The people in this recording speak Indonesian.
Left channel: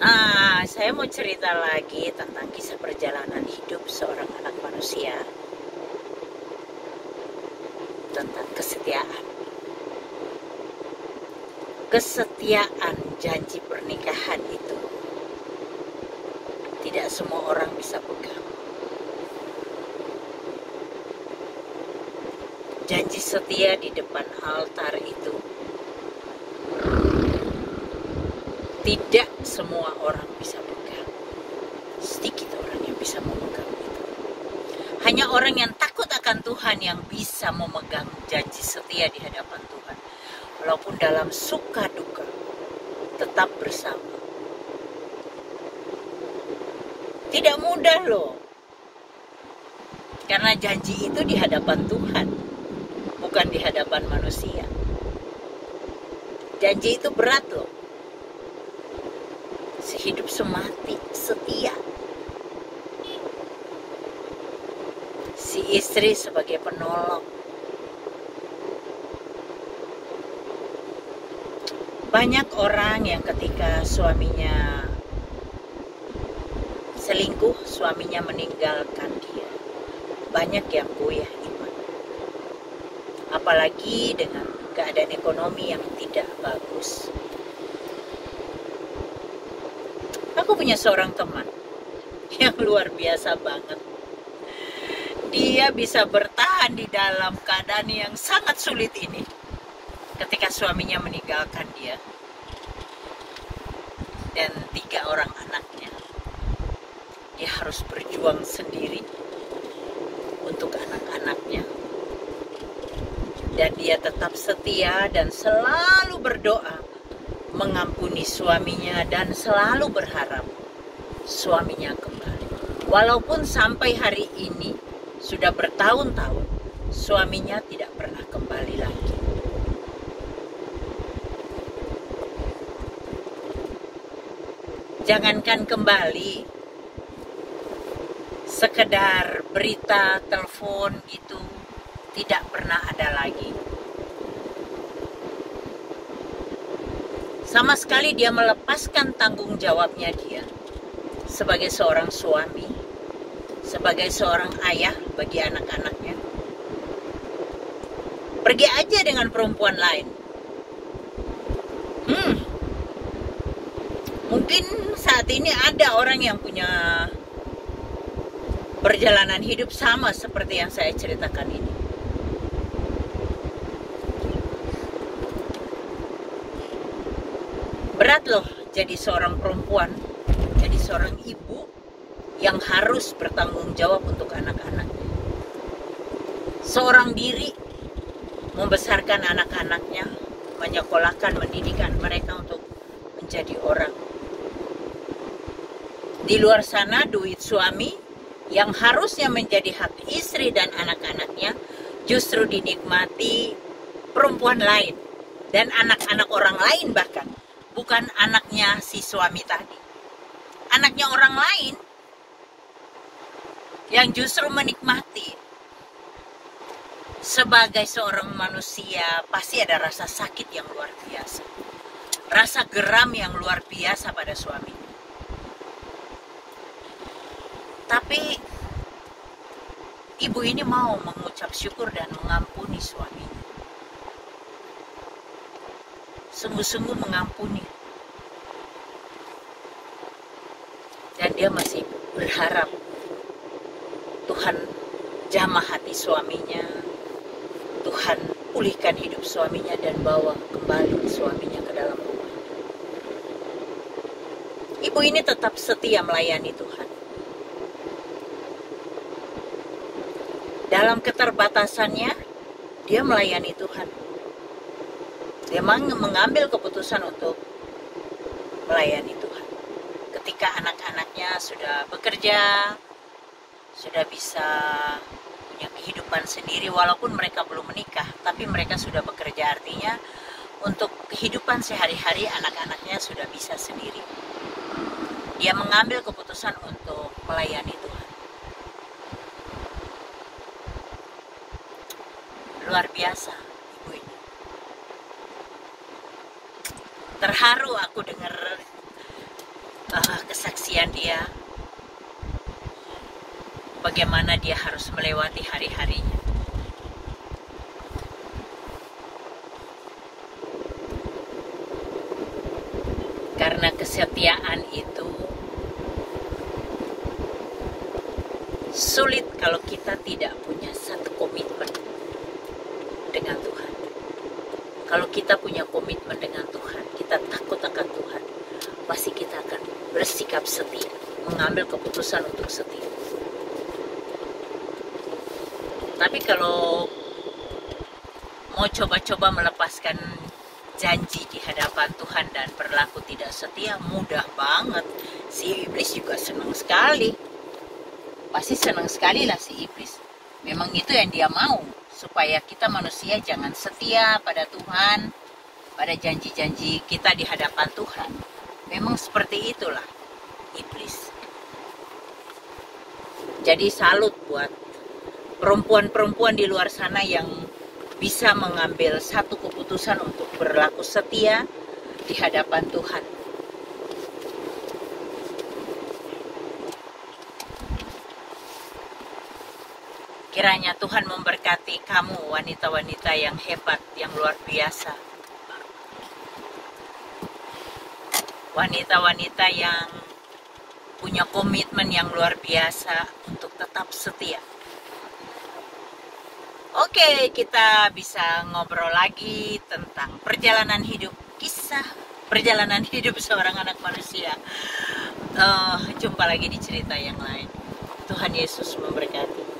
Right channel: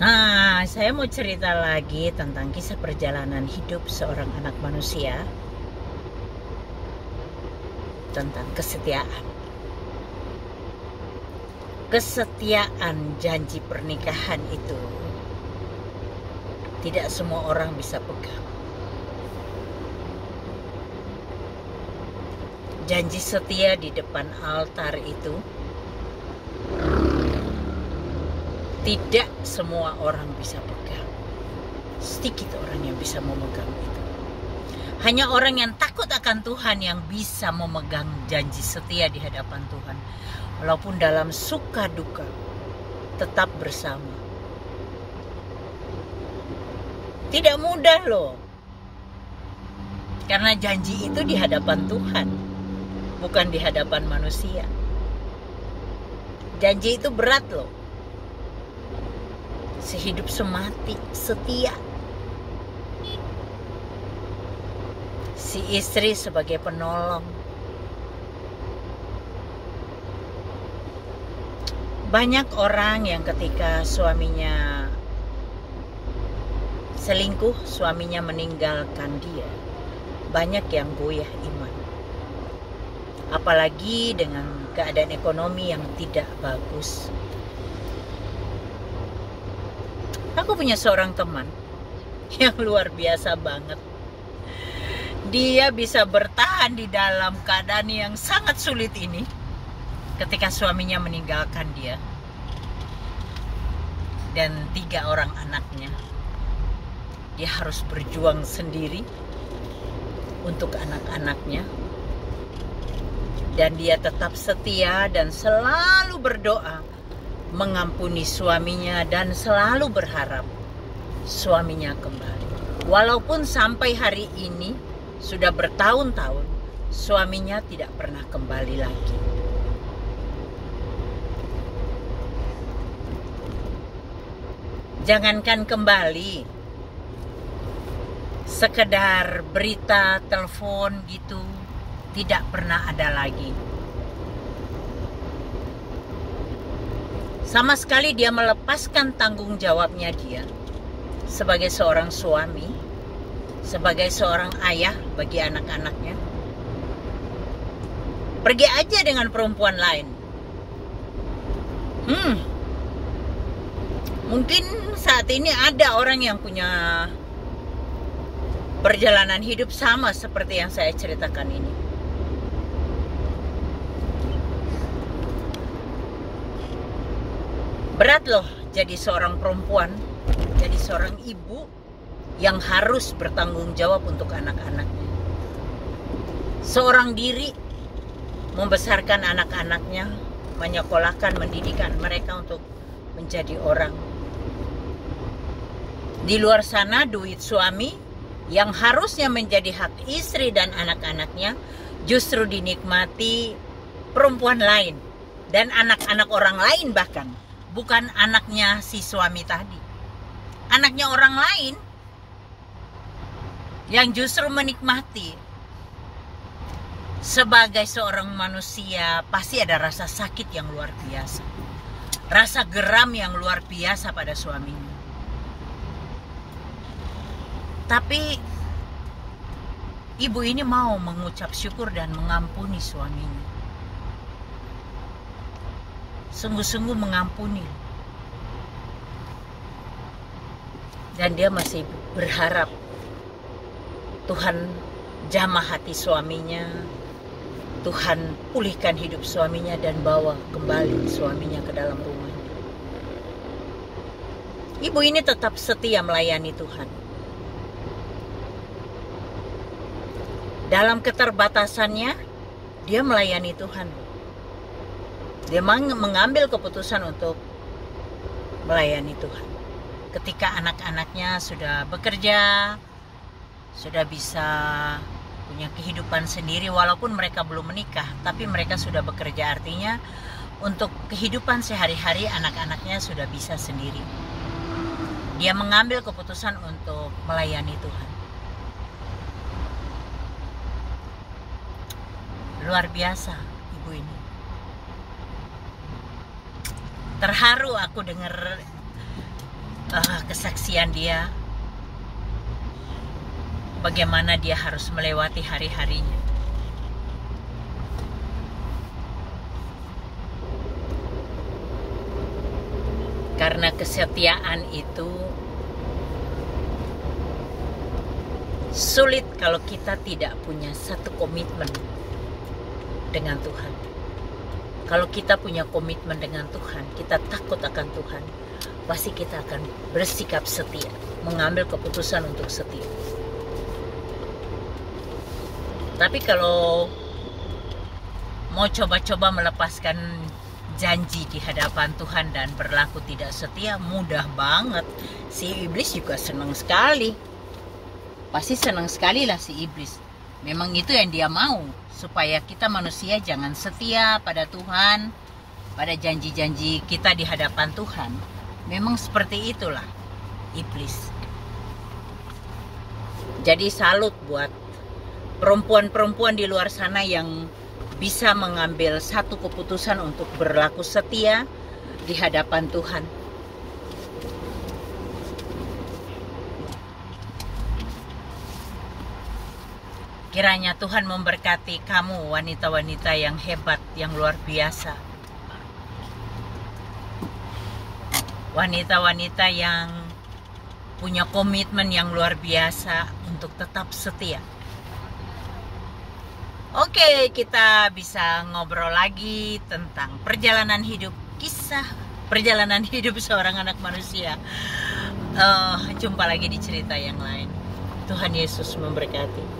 Nah, saya mau cerita lagi tentang kisah perjalanan hidup seorang anak manusia, tentang kesetiaan. Kesetiaan janji pernikahan itu tidak semua orang bisa pegang. Janji setia di depan altar itu tidak semua orang bisa pegang. Sedikit orang yang bisa memegang itu. Hanya orang yang takut akan Tuhan yang bisa memegang janji setia di hadapan Tuhan. Walaupun dalam suka duka tetap bersama. Tidak mudah loh. Karena janji itu di hadapan Tuhan, bukan di hadapan manusia. Janji itu berat loh. Sehidup semati, setia. Si istri sebagai penolong. Banyak orang yang ketika suaminya selingkuh, suaminya meninggalkan dia, banyak yang goyah iman. Apalagi dengan keadaan ekonomi yang tidak bagus. Aku punya seorang teman yang luar biasa banget. Dia bisa bertahan di dalam keadaan yang sangat sulit ini ketika suaminya meninggalkan dia dan 3 orang anaknya. Dia harus berjuang sendiri untuk anak-anaknya, dan dia tetap setia dan selalu berdoa mengampuni suaminya dan selalu berharap suaminya kembali. Walaupun sampai hari ini sudah bertahun-tahun suaminya tidak pernah kembali lagi. Jangankan kembali, sekedar berita, telepon gitu tidak pernah ada lagi. Sama sekali dia melepaskan tanggung jawabnya dia sebagai seorang suami, sebagai seorang ayah bagi anak-anaknya. Pergi aja dengan perempuan lain. Mungkin saat ini ada orang yang punya perjalanan hidup sama seperti yang saya ceritakan ini. Berat loh jadi seorang perempuan, jadi seorang ibu yang harus bertanggung jawab untuk anak-anaknya. Seorang diri membesarkan anak-anaknya, menyekolahkan, mendidikan mereka untuk menjadi orang. Di luar sana duit suami yang harusnya menjadi hak istri dan anak-anaknya justru dinikmati perempuan lain dan anak-anak orang lain, bahkan bukan anaknya si suami tadi. Anaknya orang lain yang justru menikmati. Sebagai seorang manusia pasti ada rasa sakit yang luar biasa. Rasa geram yang luar biasa pada suaminya. Tapi ibu ini mau mengucap syukur dan mengampuni suaminya. Sungguh-sungguh mengampuni. Dan dia masih berharap Tuhan jamah hati suaminya, Tuhan pulihkan hidup suaminya dan bawa kembali suaminya ke dalam rumahnya. Ibu ini tetap setia melayani Tuhan. Dalam keterbatasannya, dia melayani Tuhan. Dia mengambil keputusan untuk melayani Tuhan. Ketika anak-anaknya sudah bekerja, sudah bisa punya kehidupan sendiri, walaupun mereka belum menikah, tapi mereka sudah bekerja, artinya untuk kehidupan sehari-hari anak-anaknya sudah bisa sendiri. Dia mengambil keputusan untuk melayani Tuhan. Luar biasa ibu ini. Terharu aku dengar kesaksian dia, bagaimana dia harus melewati hari-harinya. Karena kesetiaan itu sulit kalau kita tidak punya satu komitmen dengan Tuhan. Kalau kita punya komitmen dengan Tuhan, kita takut akan Tuhan, pasti kita akan bersikap setia, mengambil keputusan untuk setia. Tapi kalau mau coba-coba melepaskan janji di hadapan Tuhan dan berlaku tidak setia, mudah banget. Si iblis juga senang sekali. Pasti senang sekali lah si iblis. Memang itu yang dia mau, supaya kita manusia jangan setia pada Tuhan, pada janji-janji kita di hadapan Tuhan. Memang seperti itulah iblis. Jadi salut buat perempuan-perempuan di luar sana yang bisa mengambil satu keputusan untuk berlaku setia di hadapan Tuhan. Kiranya Tuhan memberkati kamu, wanita-wanita yang hebat, yang luar biasa. Wanita-wanita yang punya komitmen yang luar biasa untuk tetap setia. Oke, kita bisa ngobrol lagi tentang perjalanan hidup, kisah perjalanan hidup seorang anak manusia. Jumpa lagi di cerita yang lain. Tuhan Yesus memberkati.